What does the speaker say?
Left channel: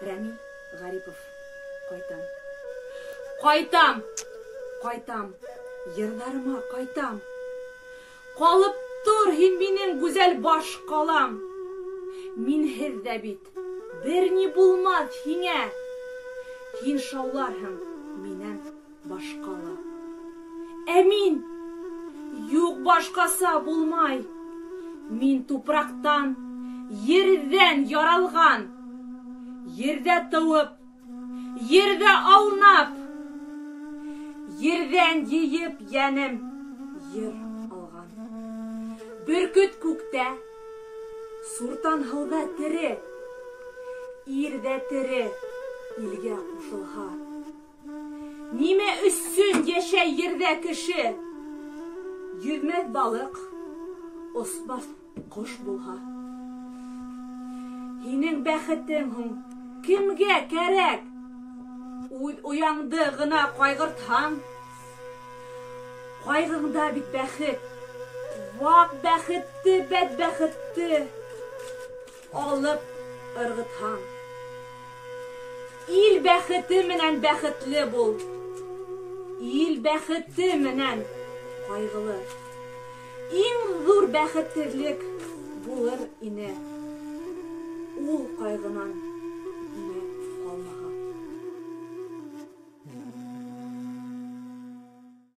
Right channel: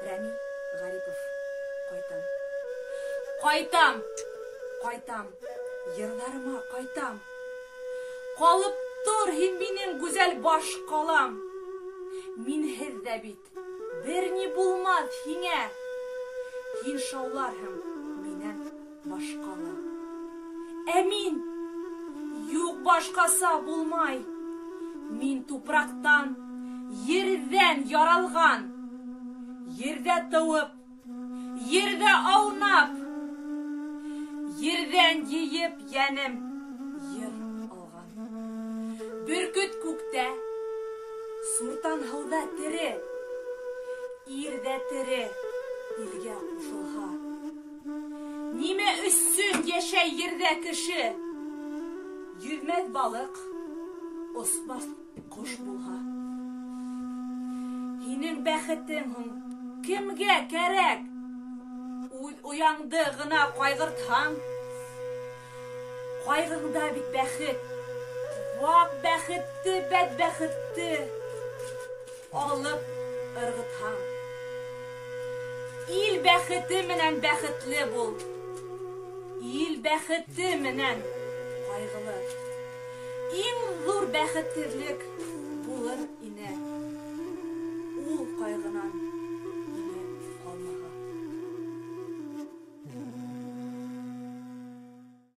Рәми Гарипов, кайтам. Кайтам, кайтам, йырларыма кайтам. Калып тур һин минең гүзәл баш калам. Минһеҙ дә бит бер ни булмаҫ һиңә. Һин шауларһың минән башҡала. Ә мин юҡ, башҡаса булмай. Мин тупраҡтан, ерҙән яралған. Ерҙә тыуып, ерҙә аунап, ерҙән йыйып йәнем йыр алған. Бөркөт күктә, суртан һыуҙа тере, ирҙә тере илгә ҡушылһа. Нимә өсөн йәшәй ерҙә кеше? Йөҙмәҫ балыҡ, осмаҫ ҡош булһа. Һинең бәхетең һуң кемгә кәрәк? Үҙ уяңды ғына ҡайғыртһаң, ҡайғыңда бит бәхет, ваҡ бәхетте, бәдбәхетте алып ырғытһаң. Ил бәхете менән бәхетле бул. Ил бәхете менән ҡайғылы. Иң ҙур бәхетһеҙлек булыр ине ул ҡайғынан